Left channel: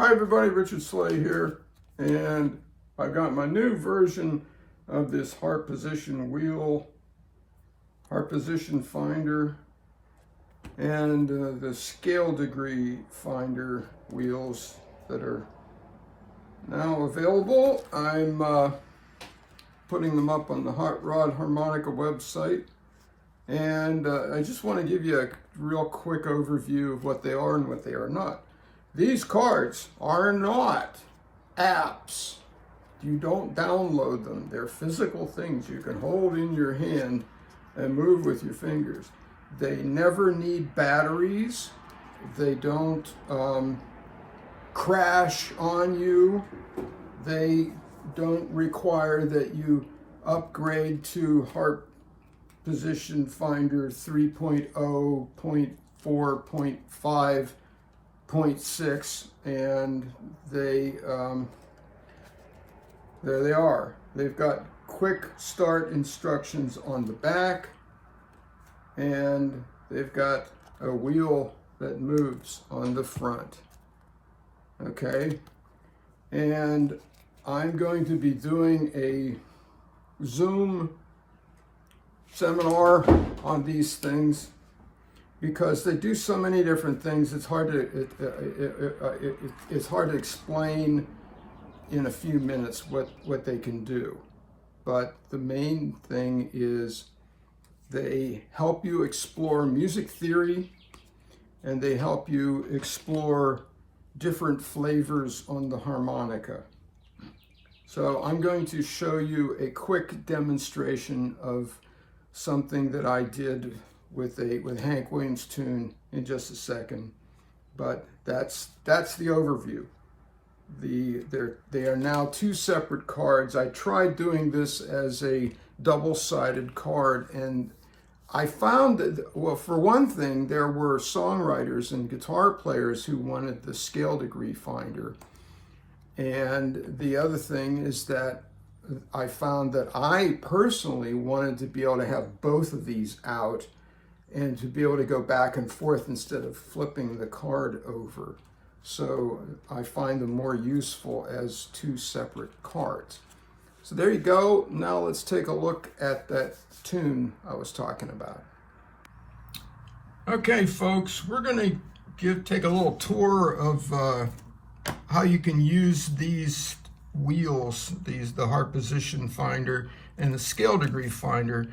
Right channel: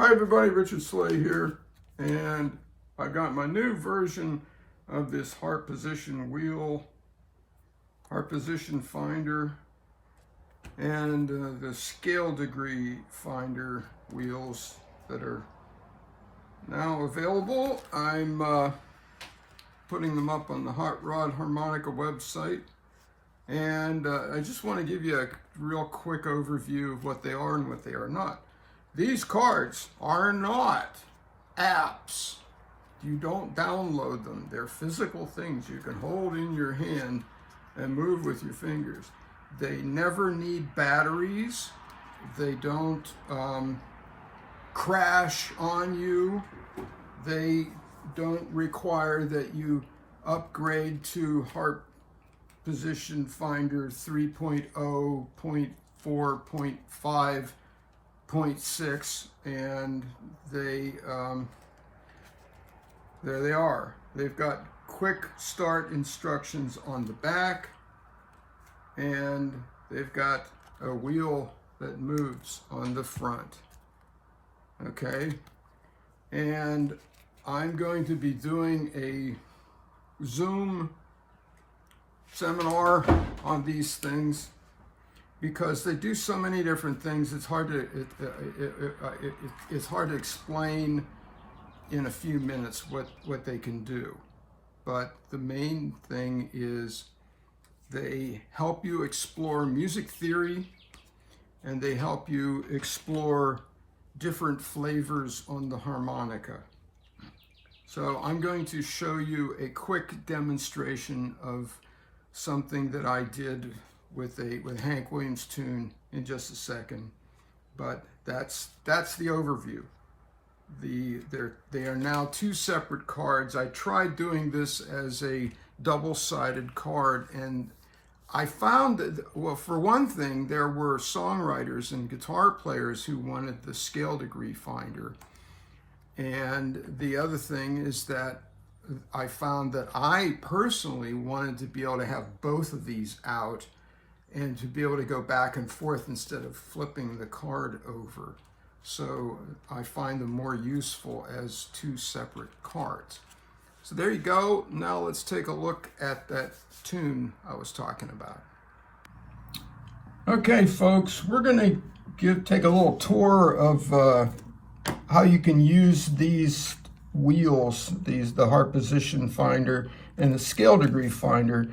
Hi everybody, Richard Slay here, and I've got my new version of this Harp position wheel, Harp position finder, and the scale degree finder wheels that are now available. I'm putting them up on the Hot Rod Harmonica website, and I just want to give you a real quick overview of what they are and what they are not. These cards are not apps. You don't download them. They're physical things you can hold in your hand and move with your fingers. They never need batteries. They don't crash on you. They don't require that you upgrade to Harp Position Finder 3.0, 0.4, 0.5, 0.6, and there they are. They've got quick start instructions on the back, and they've got a wheel that moves on the front. Okay, and I'm going to be doing a Zoom seminar on these things because they do so many different things. It's hard to explain in a few minutes what they can do. But the main thing is they help you explore music theory, and they help you explore different flavors on the harmonica. So I'm going to show you a quick demonstration of something that I did with Hank Williams tune in just a second, but that's the overview. They are now two separate cards. I tried doing this as a double-sided card, and I found that, well, for one thing, there were songwriters and guitar players who wanted the scale degree finder, and the other thing is that I found that I personally wanted to be able to have both of these out and to be able to go back and forth instead of flipping the card over. So I find them more useful as two separate cards. So there you go. Now let's take a look at that tune I was talking about. Okay, folks, we're going to take a little tour of how you can use these wheels, the Harp Position Finder and the Scale Degree Finder,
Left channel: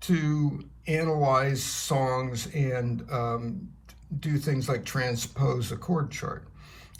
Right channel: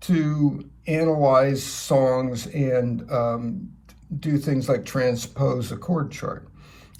to analyze songs and do things like transpose a chord chart.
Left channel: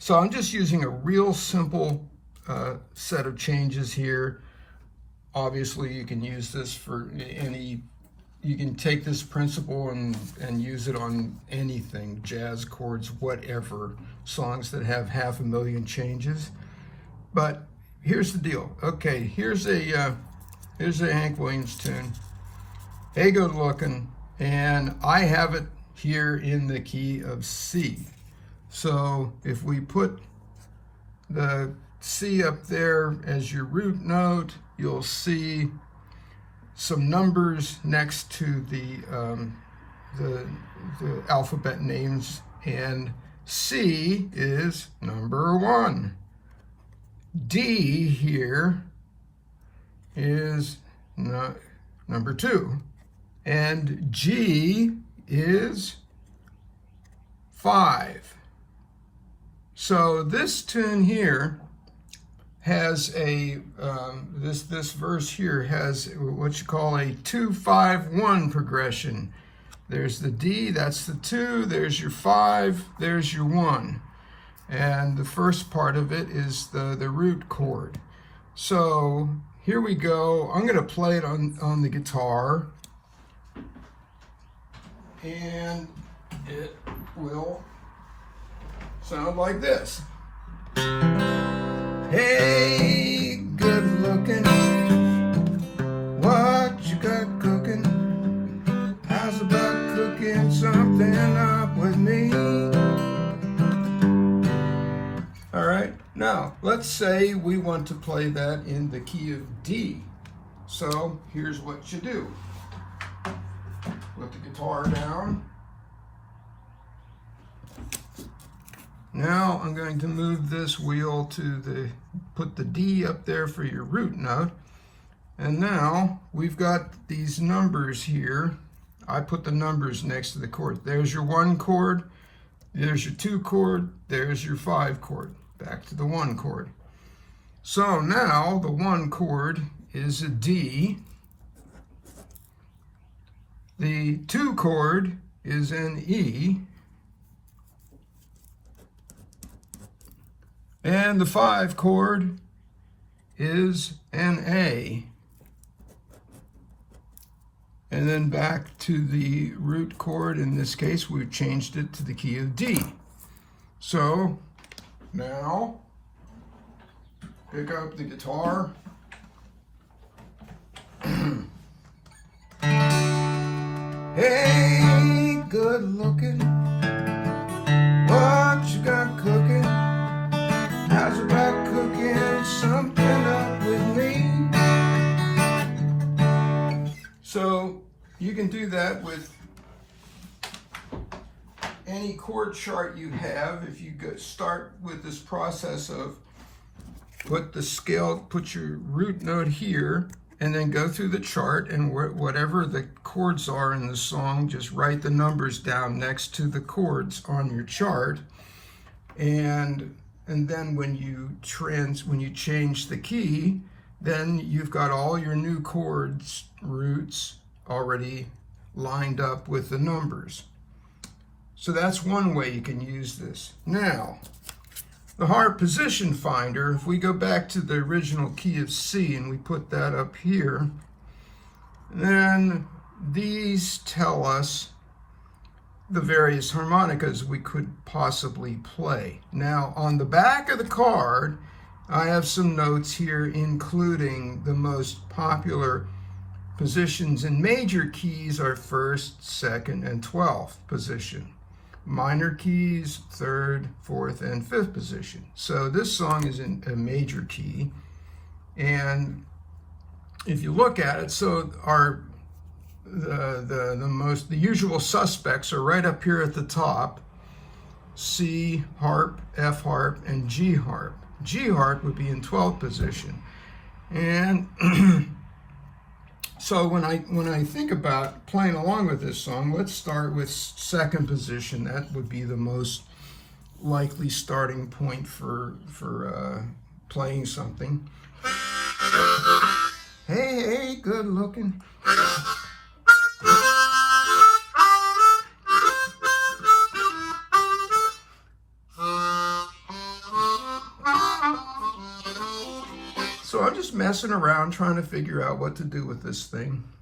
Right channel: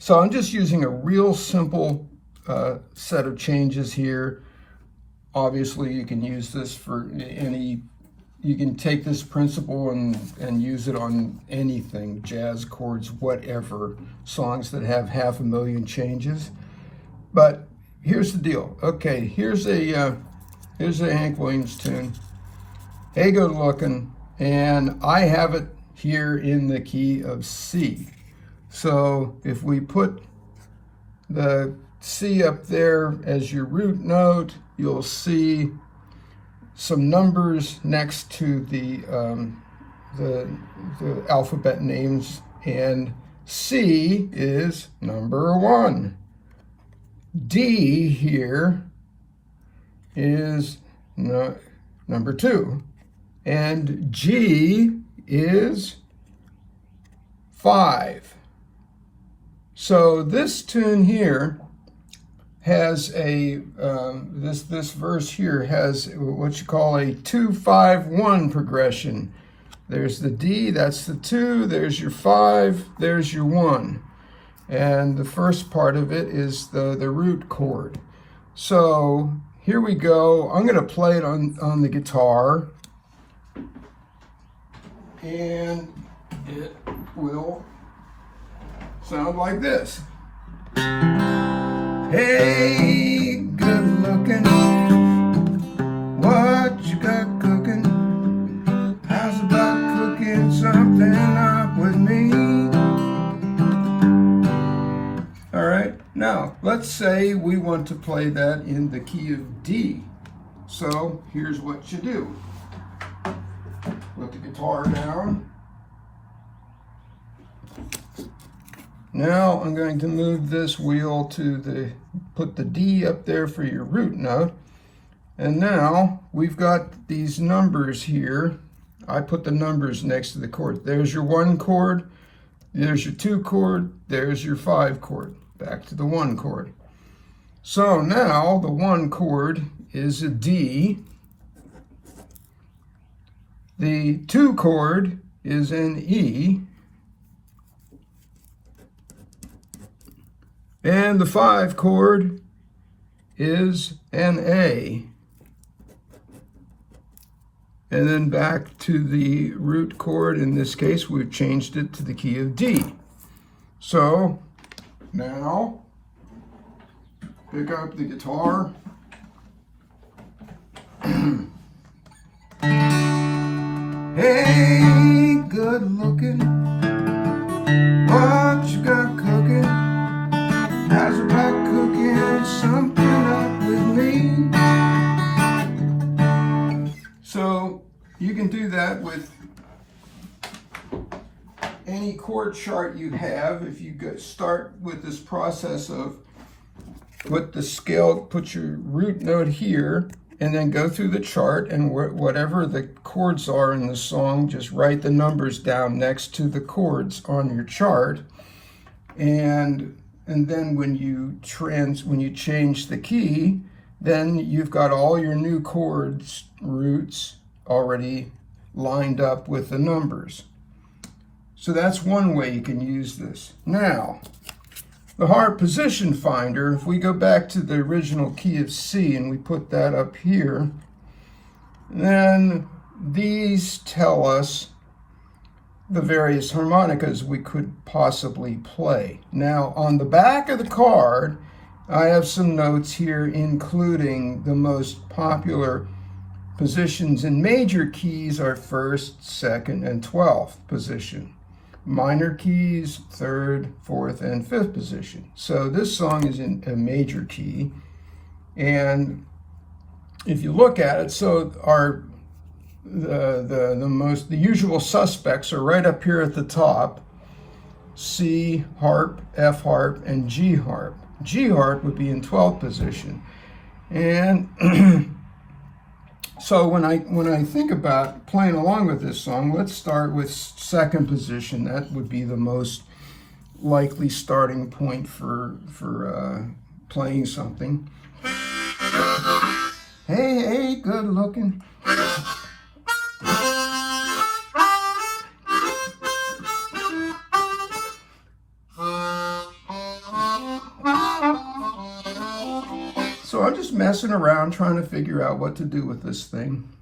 So I'm just using a real simple set of changes here. Obviously, you can use this for you can take this principle and use it on anything, jazz chords, whatever, songs that have 500,000 changes. But here's the deal. Okay, here's a Hank Williams tune. Hey, good looking, and I have it here in the key of C. So if we put the C up there as your root note, you'll see some numbers next to the alphabet names, and C is number 1. D here is number 2, and G is 5. So this tune here has a this verse here has what you call a 2-5-1 progression. There's the D, that's the 2, there's your 5, there's your 1. And the first part of it is the root chord. So here we go. I'm going to play it on the guitar, and it will sound like this. Hey, good looking, what you got cooking? How's about cooking something up with me? All right, now let's say we want to play that in the key of D. So here's what you do. Put the guitar down, Now I'm going to move this wheel to put the D up there for your root note. And now we've got these numbers here. I put the numbers next to the chord. There's your 1 chord, there's your 2 chord, there's your 5 chord. Back to the 1 chord. So now the 1 chord is a D. The 2 chord is an E. And the 5 chord is an A. And then back to the root chord. In this case, we've changed it to the key of D. So now, pick up the guitar. Hey, good looking, what you got cooking? How's about cooking something up with me? So you can do that with any chord chart you have. If you start with this process of put your root note here, and then go through the chart, and whatever the chords are in the song, just write the numbers down next to the chords on your chart. And then when you change the key, then you've got all your new chords, roots, already lined up with the numbers. So that's one way you can use this. Now, the harp position finder, if we go back to the original key of C and we put that up here, then these tell us the various harmonicas we could possibly play. Now, on the back of the card, I have some notes here including the most popular positions in major keys are 1st, 2nd, and 12th position. Minor keys, 3rd, 4th, and 5th position. So this song is in a major key. And if you look at it, so the usual suspects are right up here at the top: C harp, F harp, and G harp. G harp would be in 12th position. And so when I think about playing along with this song, let's start with 2nd position. That would be the most likely starting point for playing something. Hey, good looking. So I'm just messing around trying to figure out what to do with this thing.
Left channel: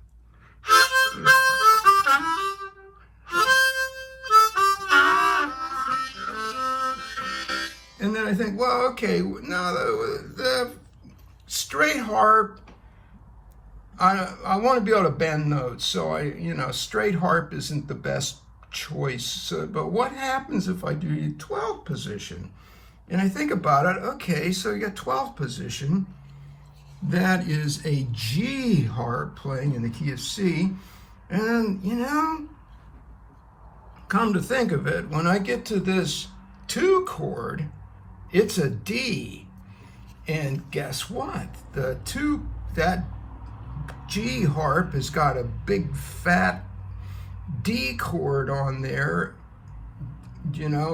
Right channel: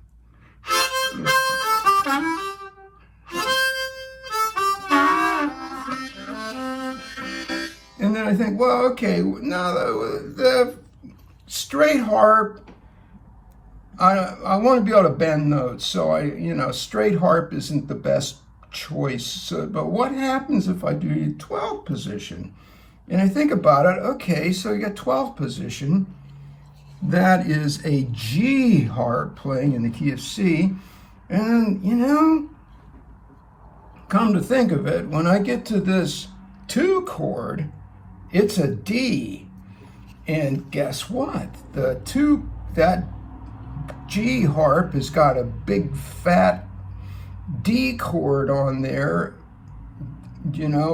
And then I think, well, okay, now the straight harp, I want to be able to bend notes, so straight harp isn't the best choice. So, but what happens if I do 12th position? And I think about it, okay, so you got 12th position. That is a G harp playing in the key of C. And, come to think of it, when I get to this 2 chord, it's a D. And guess what? That G harp has got a big fat D chord on there,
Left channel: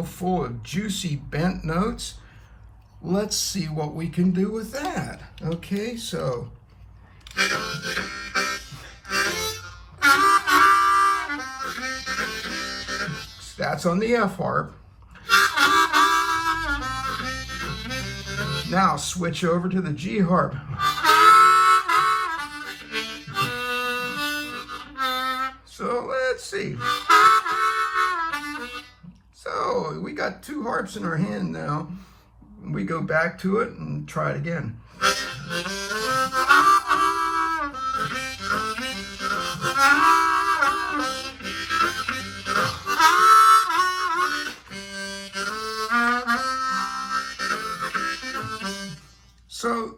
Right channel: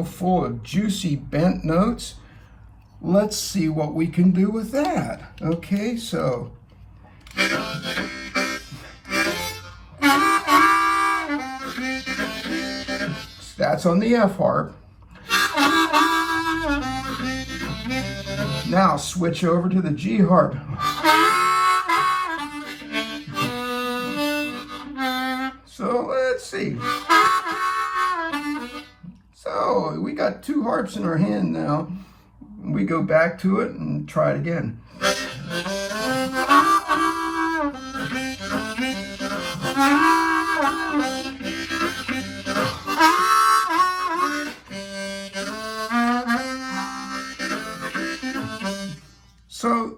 full of juicy bent notes. Let's see what we can do with that. Okay, so that's on the F harp. Now switch over to the G harp. So let's see. So we got 2 harps in our hand now. We go back to it and try it again. So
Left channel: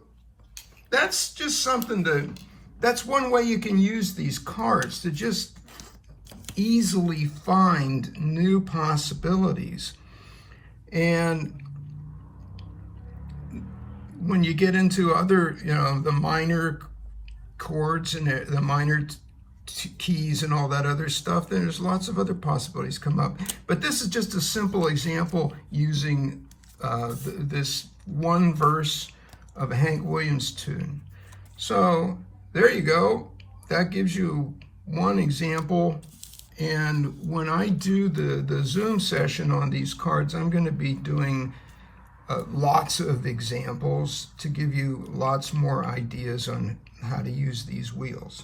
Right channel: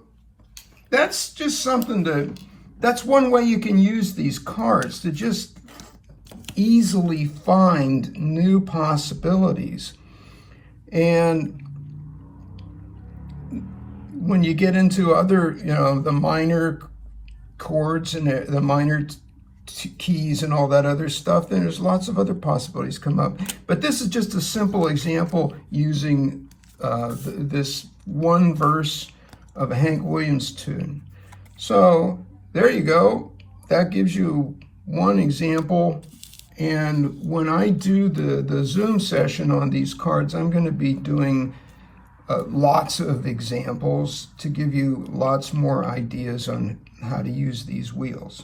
that's just something that's one way you can use these cards to just easily find new possibilities. And when you get into other, the minor chords and the minor keys and all that other stuff, then there's lots of other possibilities come up. But this is just a simple example using this one verse of a Hank Williams tune. So there you go. That gives you one example. And when I do the Zoom session on these cards, I'm going to be doing lots of examples to give you lots more ideas on how to use these wheels.